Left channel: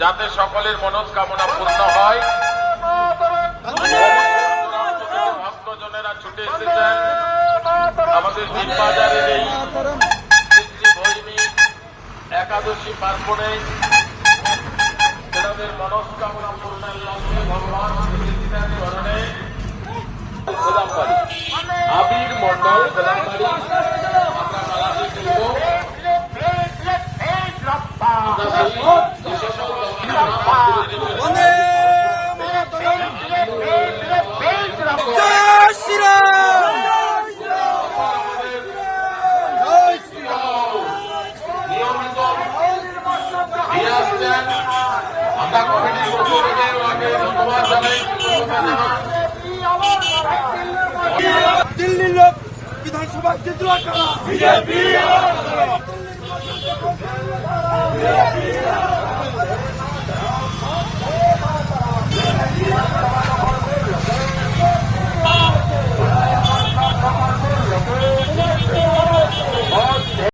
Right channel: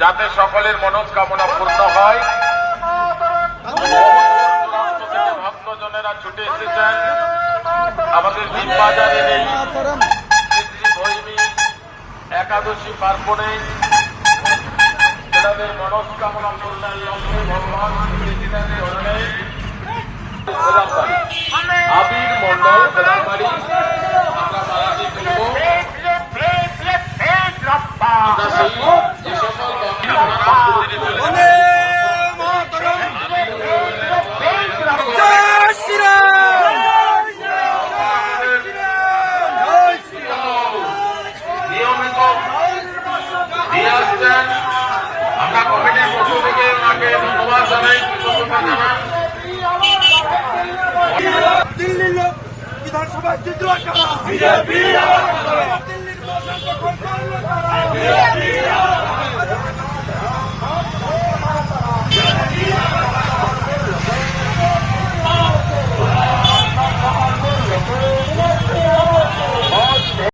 যাতে সকলের মনস্কামনা পূর্ণ হয়। ভক্তজনেরা ছুটে এসেছেন। আমাদের বাজারের এই একাদশী পার্বণে তেনাদের মনস্কামনা পূর্ণের লক্ষ্যে ভগবান আবির মন্ডল আমরা সেই আমরা কমিটির পক্ষ থেকে ওনাকে ধন্যবাদ জানাই দিল্লির লোক বিধানসভায় বিজেপি